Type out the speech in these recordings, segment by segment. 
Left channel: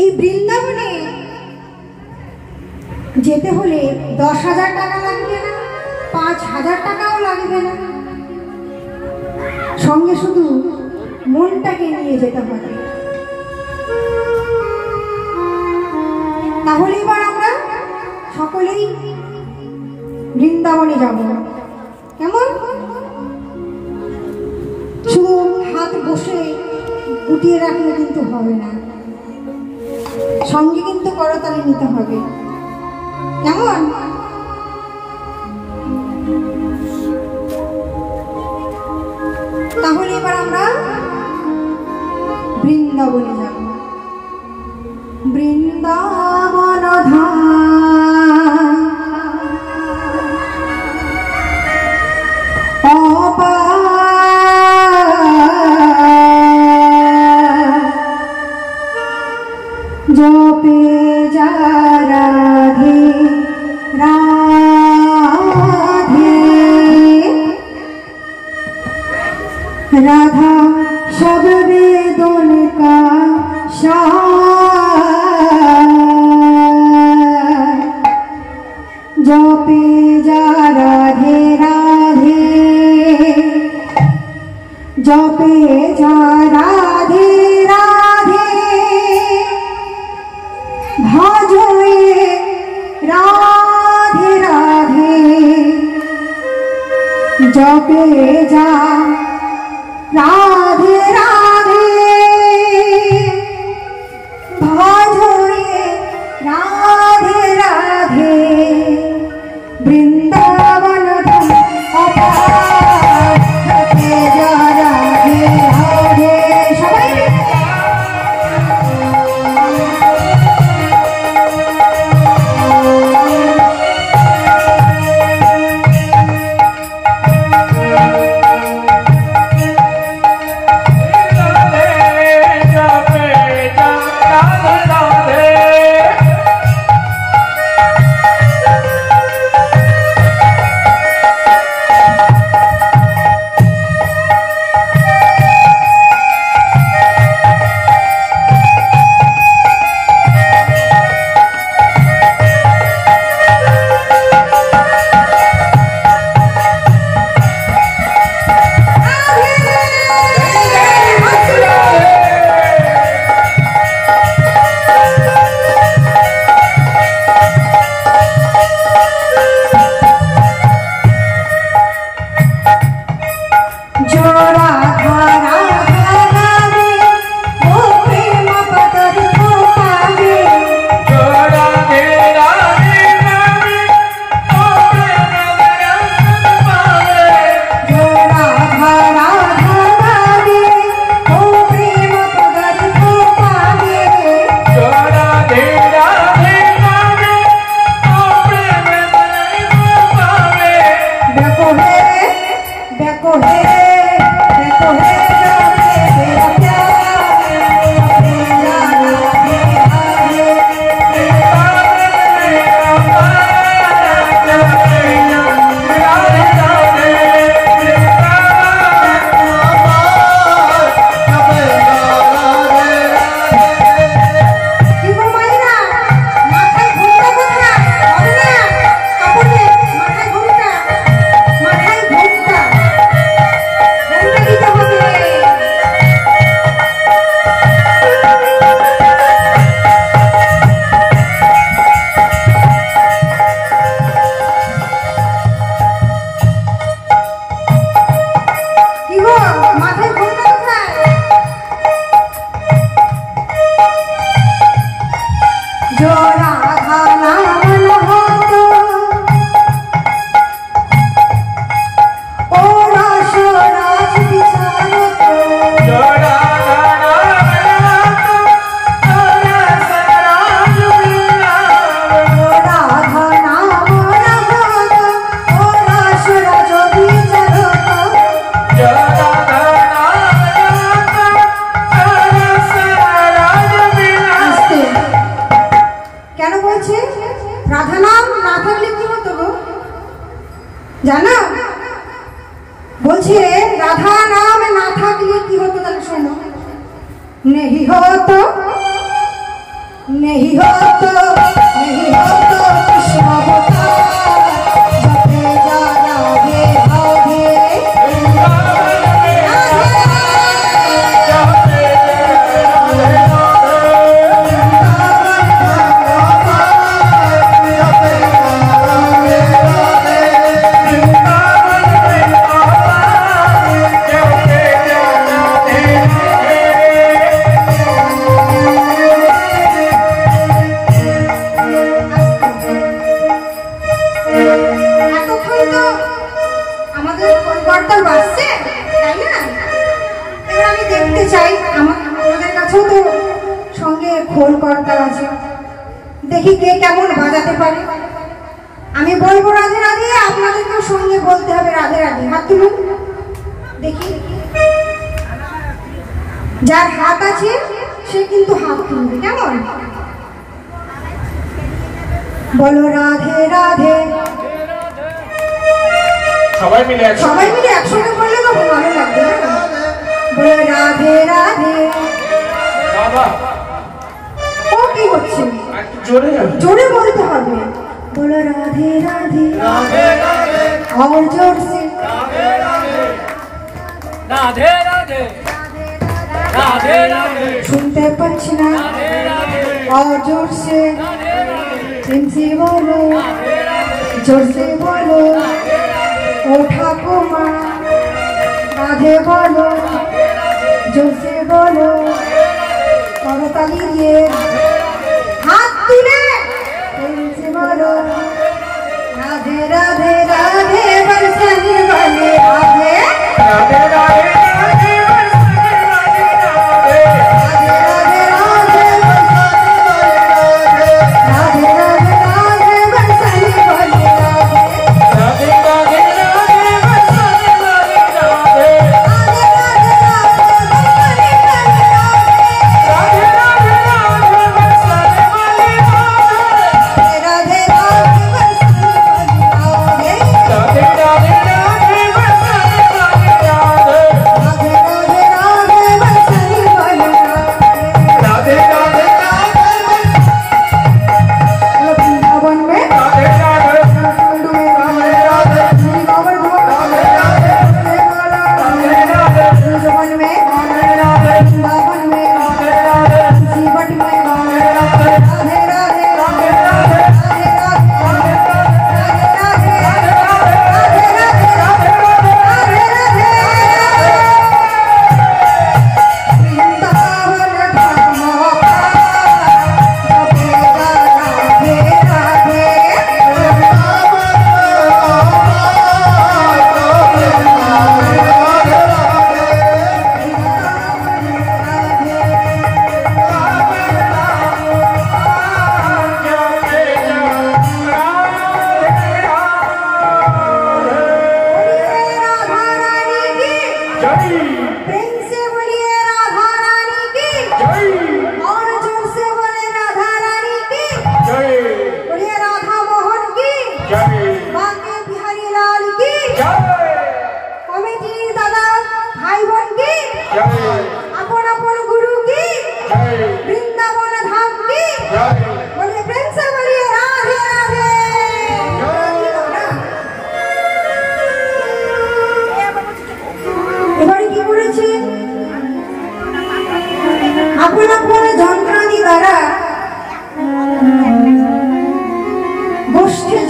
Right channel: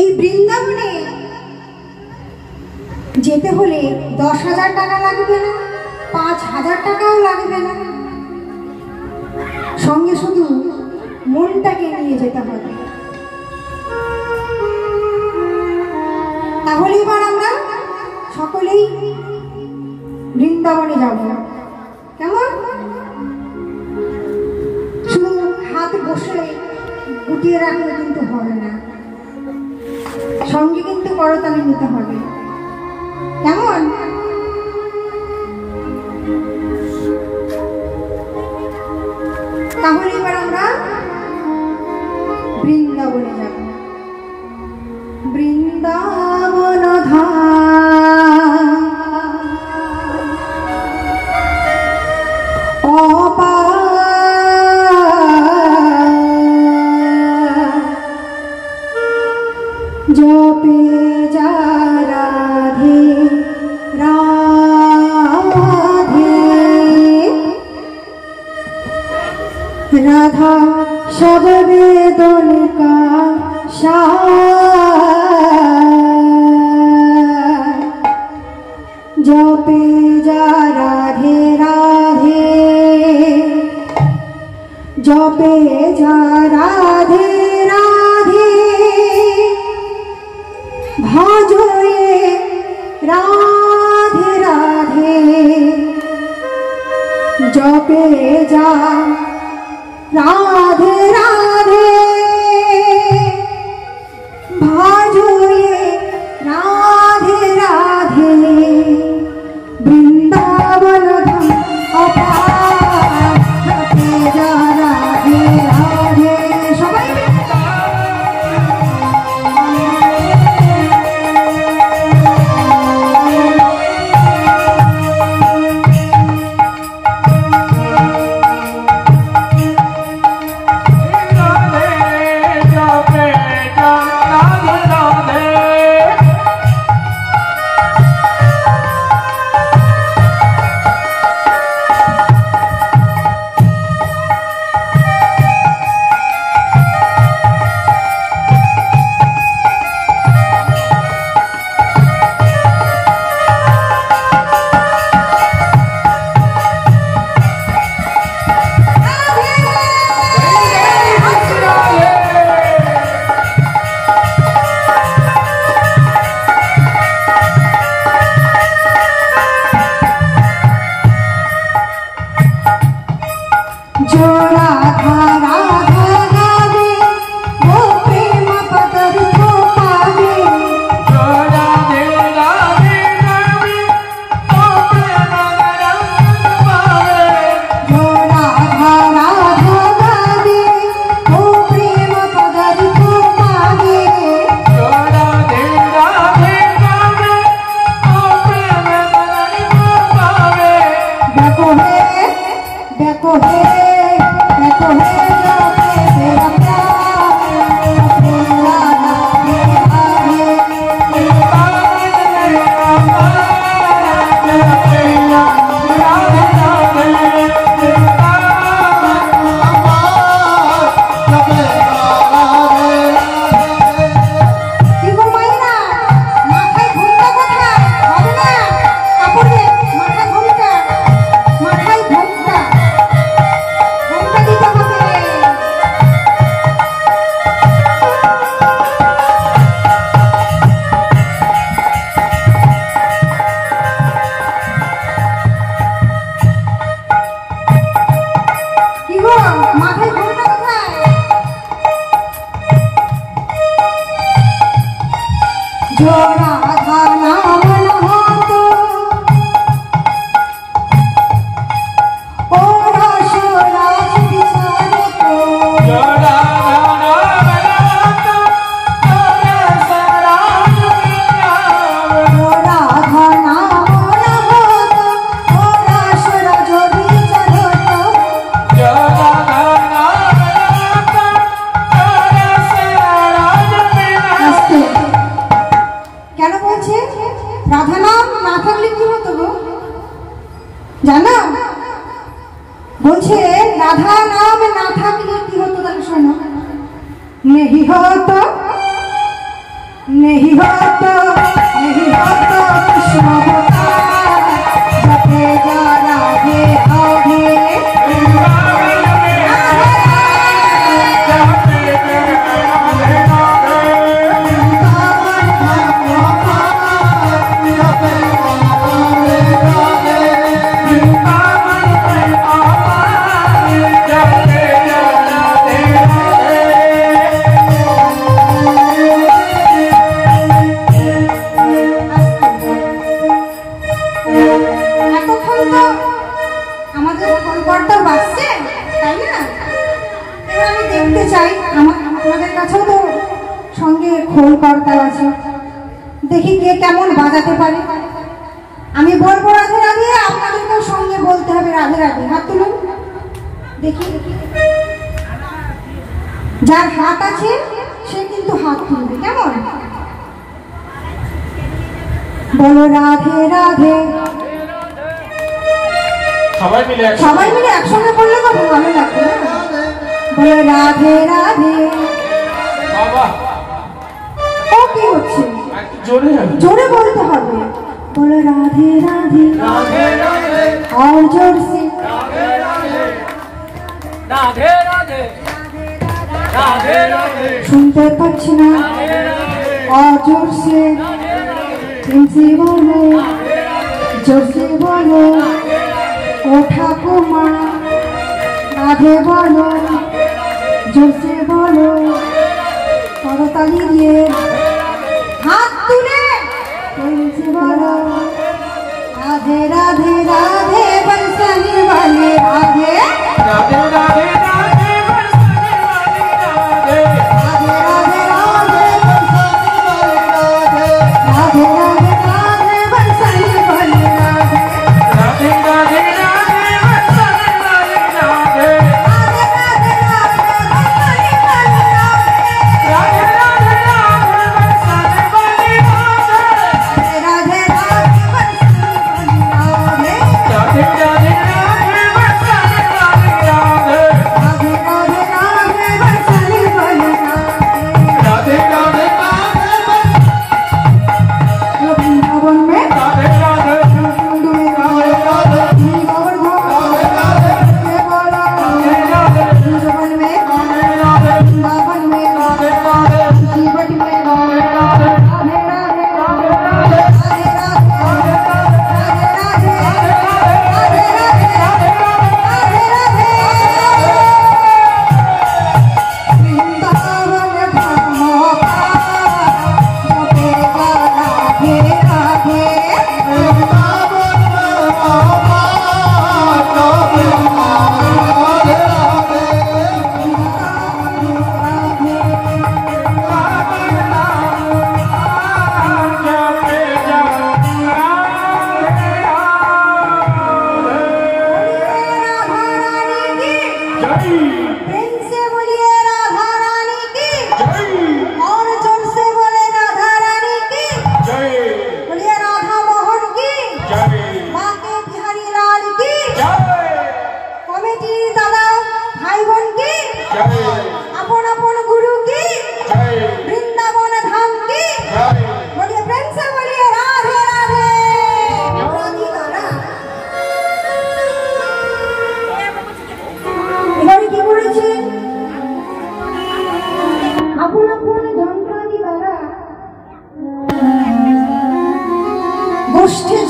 এই বৃন্দাবনে যেতে হলে 10,000 টাকা লাগবে না, 5,000 টাকাও লাগবে না, সঙ্গে শুধু মনটাকে নিয়ে যেতে হবে। তাহলে এবার আমরা সকলেই বৃন্দাবনে যাব। কেমন? শুধু হাত বসে গুটিয়ে রাখলে কিন্তু হবে না, সঙ্গে কিন্তু করতালি নিতে হবে। কেমন? তাহলে এবার আমরা বৃন্দাবনে যাব। বৃন্দাবন ধাম জপে যা রাধে রাধে, রাধা सब वेदों का सार, जपे जा राधे राधे, जपे जा राधे राधे, भजो ये राधे राधे, जपे जा राधे राधे, भजो ये राधे राधे। वृंदावन धाम अपार, जपे जा राधे राधे। सबाई জানো? বলছে রাধা নাম না থাকলে কি হতো জানো? শোনো, নেহি হতো नहीं हो तो कृष्ण होता जपे जा राधे राधे খোল কর্তা আছে, দেখি কে কেমন বাজাতে পারে। আমি বলবো রাধে রাধে, আপনাদেরকেও সঙ্গে বলতে হবে রাধে রাধে। হাত তুলুন দেখি, যার হাত আছে সে কিন্তু হাত তুলবে, কেমন? বলো রাধে রাধে, সবাই মিলে একসঙ্গে বললে তো ভালো লাগবে। বলো রাধে রাধে। ও কি হচ্ছে? জোরে বলতে হবে। बोलो राधे राधे और जोर से राधे राधे राधे राधे सुनते पाচ্ছি না और जोर से तुमसे बोलो जोर से बोलो ओ ठाकुमा राधे बोलो जोर से बोलो करताली দিয়ে हाथ তুলে तुमसे बोलो राधे राधे राधे बरसने वाले राधे राधे राधे राधे बरसने वाले राधे राधे राधे राधे राधे राधे राधे बरसने वाले राधे राधे राधे राधे बरसने वाले राधे राधे राधे राधे बरसने वाले राधे राधे राधे बरसने वाले राधे राधे राधे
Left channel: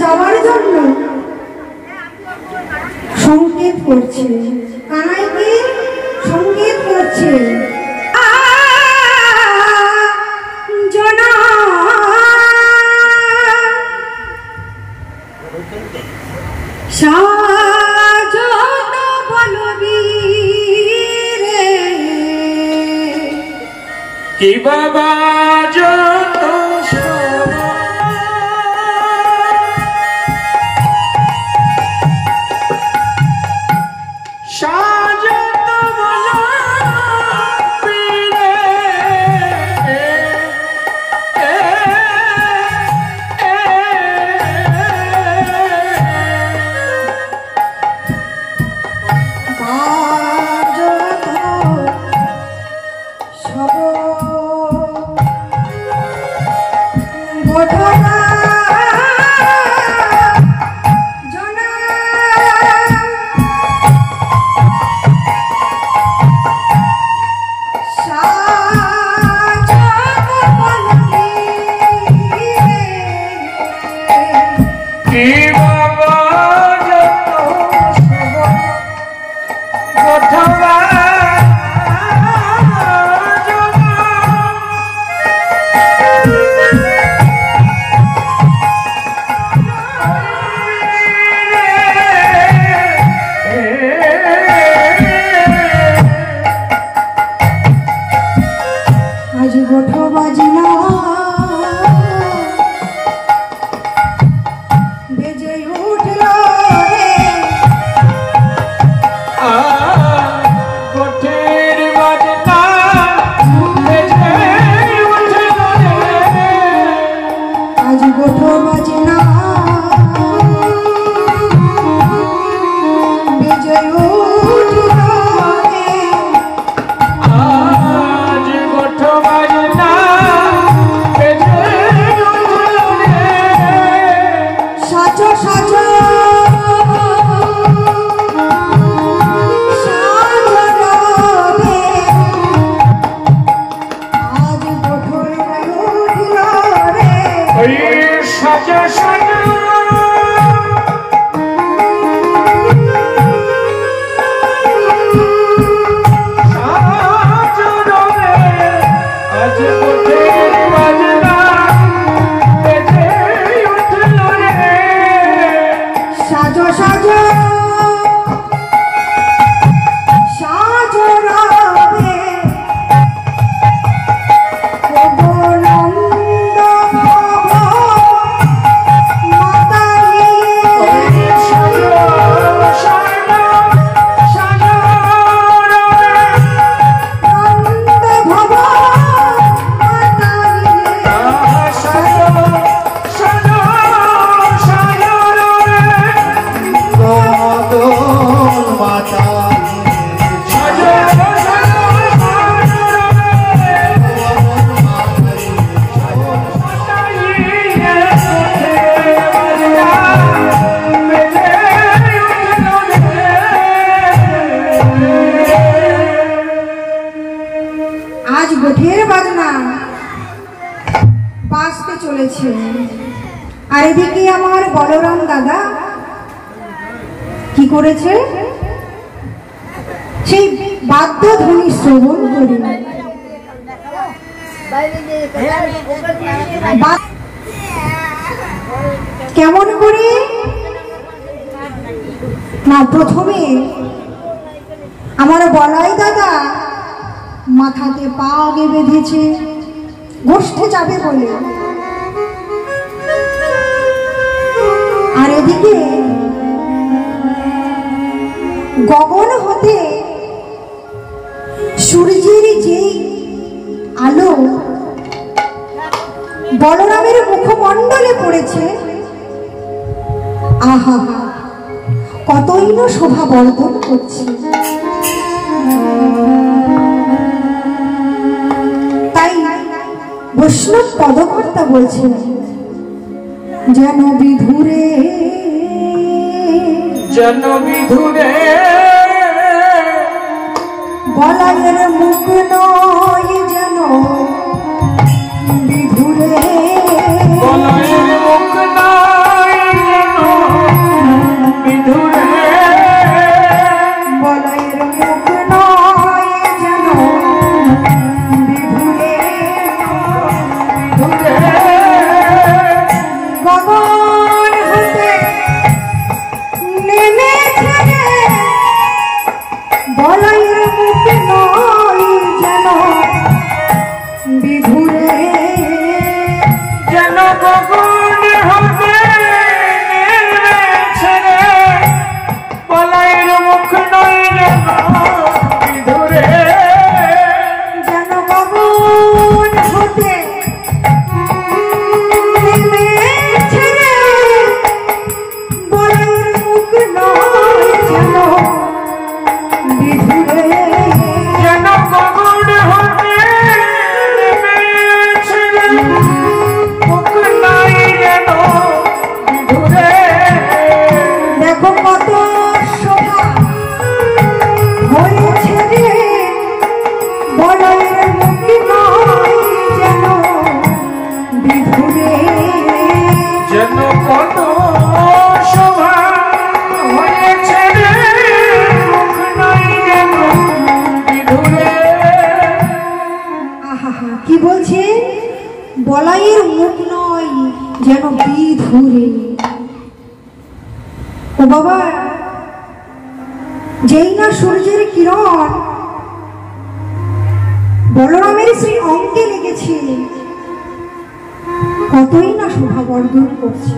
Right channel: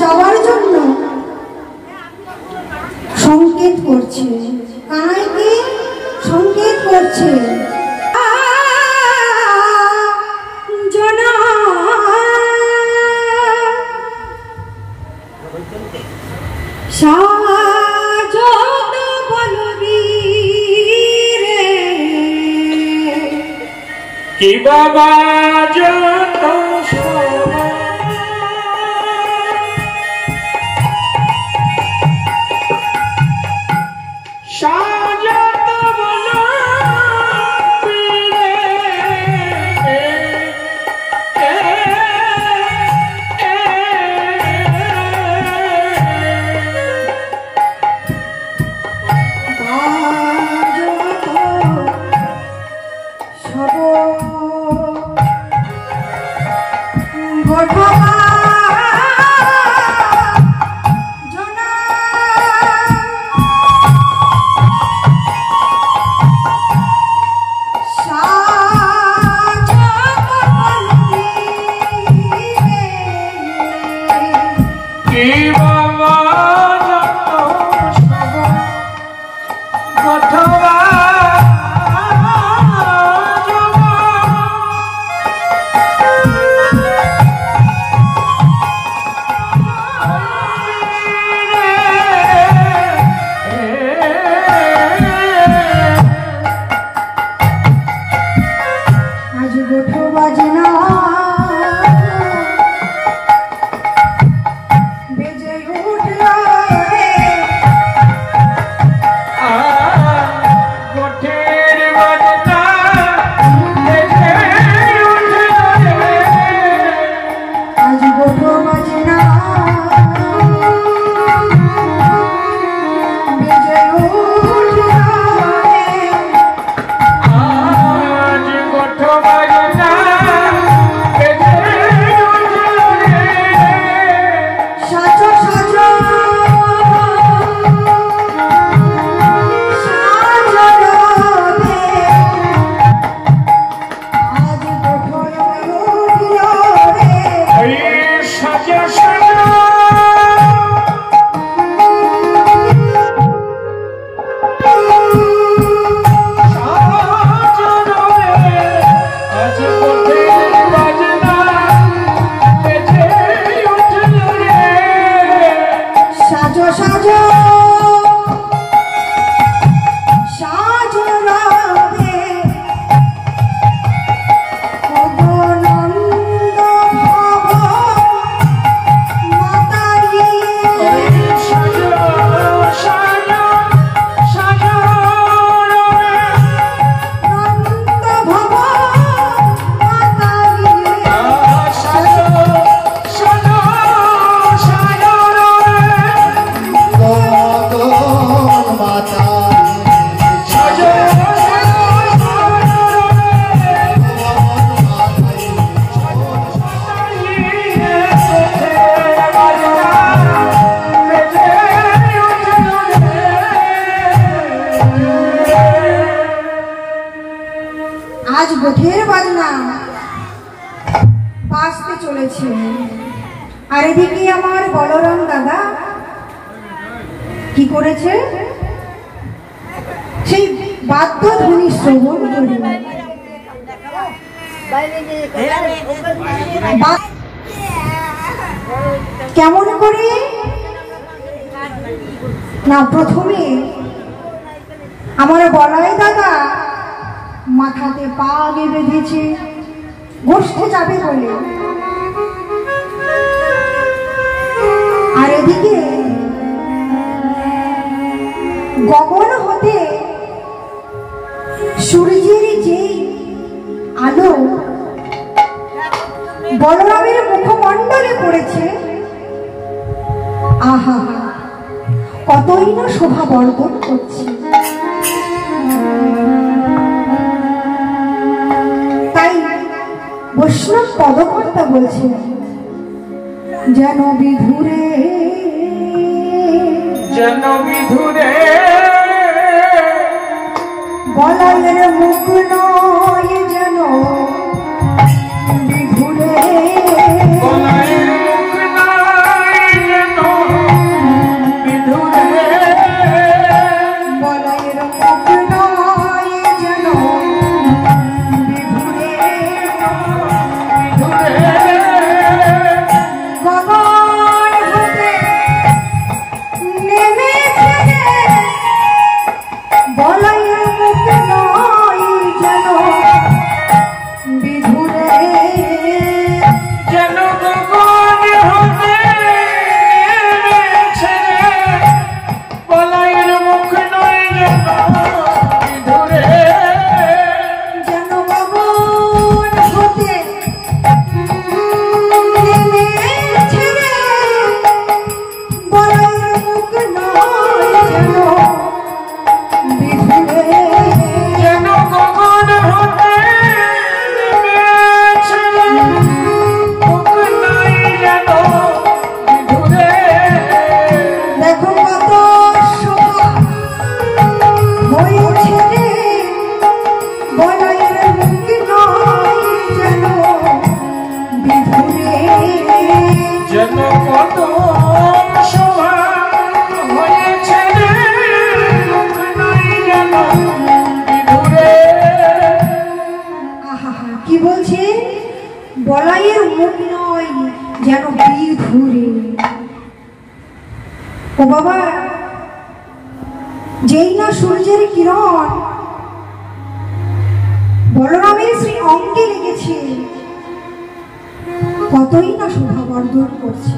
যাওয়ার জন্য সংকেত করছে, কানাইকে সংকেত করছে। কি বাবা যত ওঠের বাজনা বাজতে চলেছে। আর এদিকে আমার বলরাম দাদা কি করেছে, সেই বাদ্যধ্বনি শ্রবণ করে কেমন করে না, প্রথমে আমার বলাই দাদা মাথাতে পা আগে বেঁধেছে গোষ্ঠে যাবে বলে, আর এদিকে গগন হতে সূর্যের যেই আলো বলরামের মুখমণ্ডলে পড়েছে, আহা কতই না শোভা বর্ধন করছে। তাই বৈষ্ণব পদকর্তা বলছেন, যেন বিধুরে বলাইয়ের মুখ নয়, যেন বিধুরে কি বলছে, বলাইয়ের মুখ নয় যেন বিধুরে। ও বাবা, যেই না সূর্যের কিরণ বলরামের সেই অঙ্গে লেগেছে, কতই না শোভা বর্ধন করছে।